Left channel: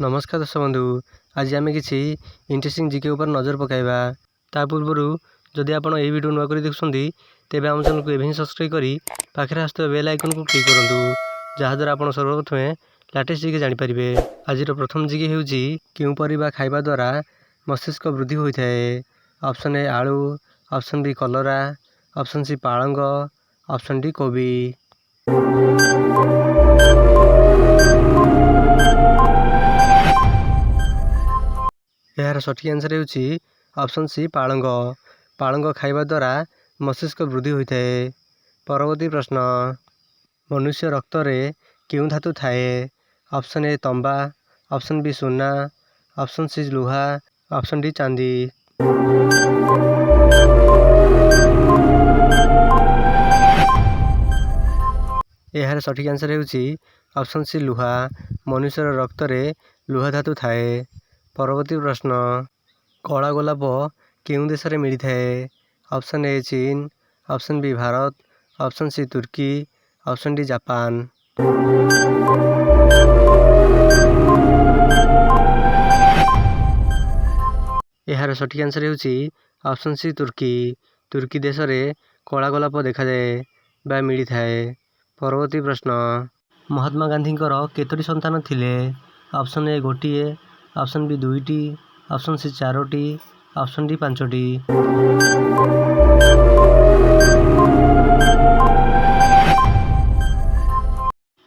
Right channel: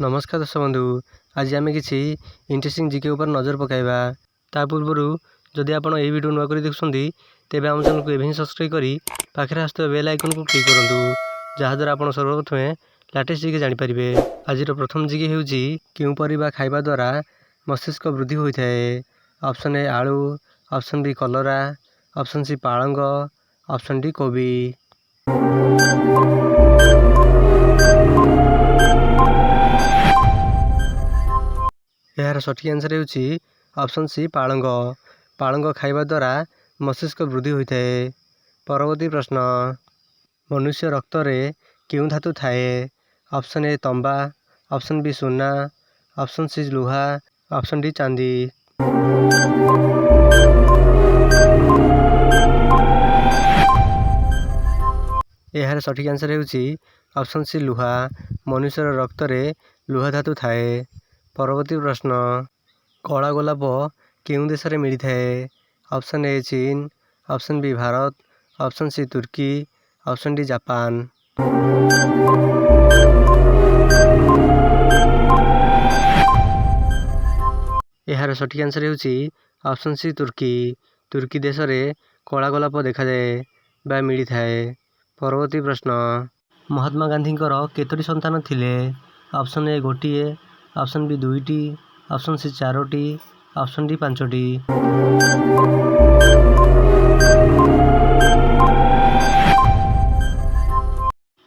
नमस्कार दर्शक बंधु, आज आम किसी इंटरेस्टिंग जीके ऊपर नजर पकाइबा। ता पूर्व जदि आप वीडियो नुआ कर देखुं तेज आम चैनल को एवं सब्सक्राइब कर पाखे आसुवा बेल आइकन को क्लिक करूँ, जहाँद्वारा आप सर्वप्रथम लेटेस्ट जीके जानीपारे। आज प्रथम जीके हूँ क्यों परिबा खाइबा द्वारा मस्तिष्क वृद्धि होता है। ऑप्शन ए आलू, ऑप्शन बी कलरा, ऑप्शन सी पालंग, ऑप्शन डी कोबी। यार सठिक आंसर होउछि ऑप्शन सी पालंग। पालंग खाइबा द्वारा मस्तिष्क वृद्धि होता है। परवर्ती प्रश्न, मनुष्य रक्त रे क्यों धातु थाए? ऑप्शन ए तंबा, ऑप्शन बी सोना, ऑप्शन सी लुहा, ऑप्शन डी चांदी। यार सठिक आंसर होउछि ऑप्शन सी लुहा। मनुष्य रक्त रे लुहा धातु थाए। परवर्ती प्रश्न, कला गोलाप केउं देश रे मिली थाए? ऑप्शन ए चीन, option B Bharat, option C तुर्की, ऑप्शन डी जापान। यार सठिक आंसर होउछि ऑप्शन सी तुर्की। तुर्की देश रे कला गोलाप देखा जाए बा मिली थाए। परवर्ती प्रश्न, महात्मा गांधी केतोटी संतान थिले? ऑप्शन ए गोटिए, ऑप्शन बी दुईटी, ऑप्शन सी चारोटी, ऑप्शन डी पांचटी।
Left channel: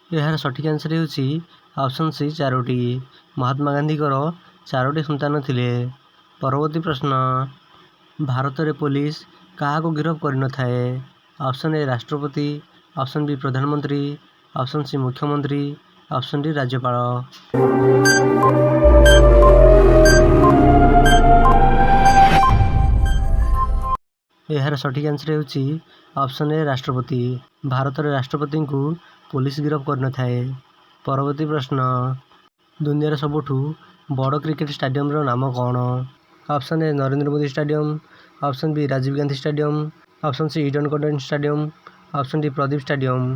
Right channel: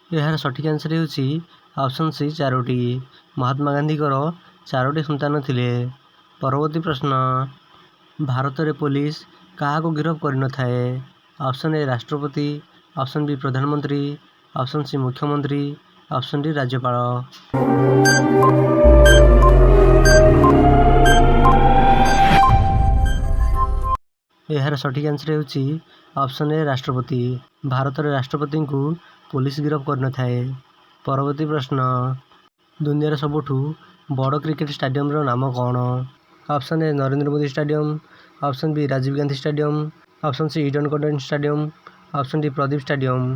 यार सठिक आंसर होउछि ऑप्शन सी चारोटी। महात्मा गांधी चारोटी संतान थिले। परवर्ती प्रश्न, भारत रे पुलिस क्या गिरफ्त कर न थाए? ऑप्शन ए राष्ट्रपति, ऑप्शन बी प्रधानमंत्री, ऑप्शन सी मुख्यमंत्री, ऑप्शन डी राज्यपाल। यार सठिक आंसर होउछि ऑप्शन ए राष्ट्रपति। भारत रे राष्ट्रपति को पुलिस गिरफ्त कर न थाए। परवर्ती प्रश्न, दुनिया रे सबुठु बड़ क्रिकेट स्टेडियम रो नाम कौन? Option A Narendra Modi stadium, option B Rajiv Gandhi stadium, option C Eden garden stadium, option D Pradeep stadium.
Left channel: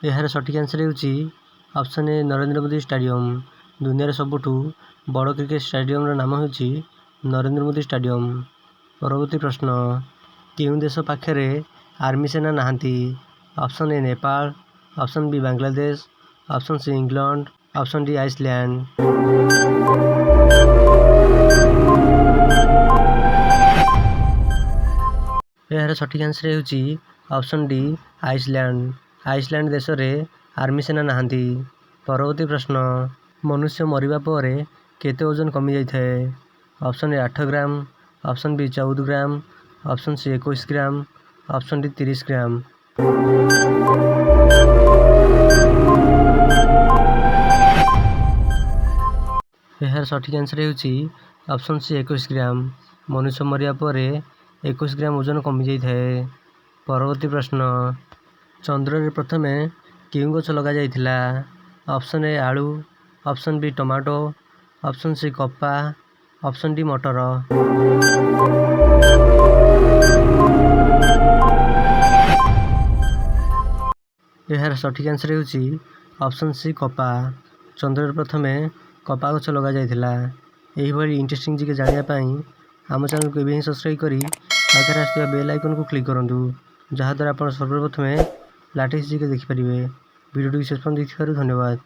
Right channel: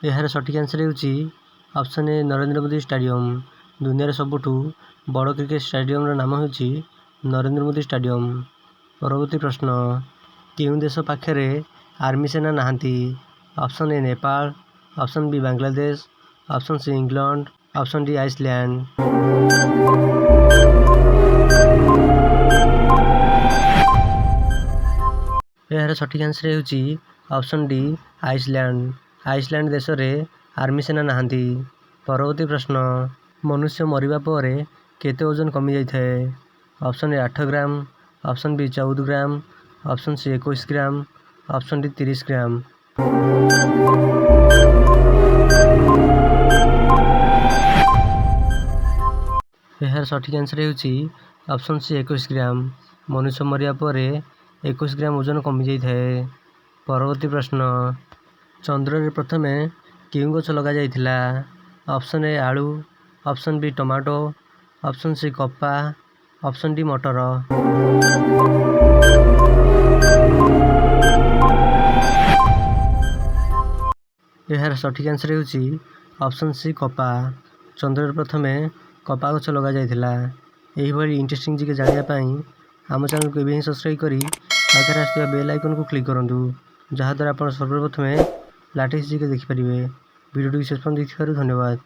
यार सठिक आंसर होउछि option A Narendra Modi stadium. दुनिया रे सबुठु बड़ क्रिकेट स्टेडियम रो नाम होउछि नरेंद्र मोदी स्टेडियम। परवर्ती प्रश्न, केउं देश पाखरे आर्मी सेना नाहांती? Option A Nepal, option B Bangladesh, option C England, option D Iceland. यार सठिक आंसर होउछि ऑप्शन डी आइसलैंड। आइसलैंड देश रे आर्मी सेना नाहांती। परवर्ती प्रश्न, मनुष्य मरिबा परे केते ओजन कमी जाय थाए? Option A 8 gram, option B 14 gram, option C 21 gram, option D 30 gram. यार सठिक आंसर होउछि ऑप्शन सी 21 ग्राम। मनुष्य मरिया परे 21 ग्राम ओजन कमी जाय थाए। परवर्ती प्रश्न, चंद्र रे प्रथमे केउं गछ लगा जायथिला? ऑप्शन ए आलू, option B tomato, option C कपा, ऑप्शन डी मटर। यार सठिक आंसर होउछि ऑप्शन सी कपा। चंद्र रे प्रथमे कपा गछ लगा जायथिला। एही भली इंटरेस्टिंग जीके जानिया पई आम चैनल को एवं सब्सक्राइब करी पाखे आसुवा बेल आइकन को क्लिक करूँ, जहाँद्वारा आप सर्वप्रथम लेटेस्ट जीके देखिपारे। वीडियो शेष पर्यंत देखिथिबारु धन्यवाद।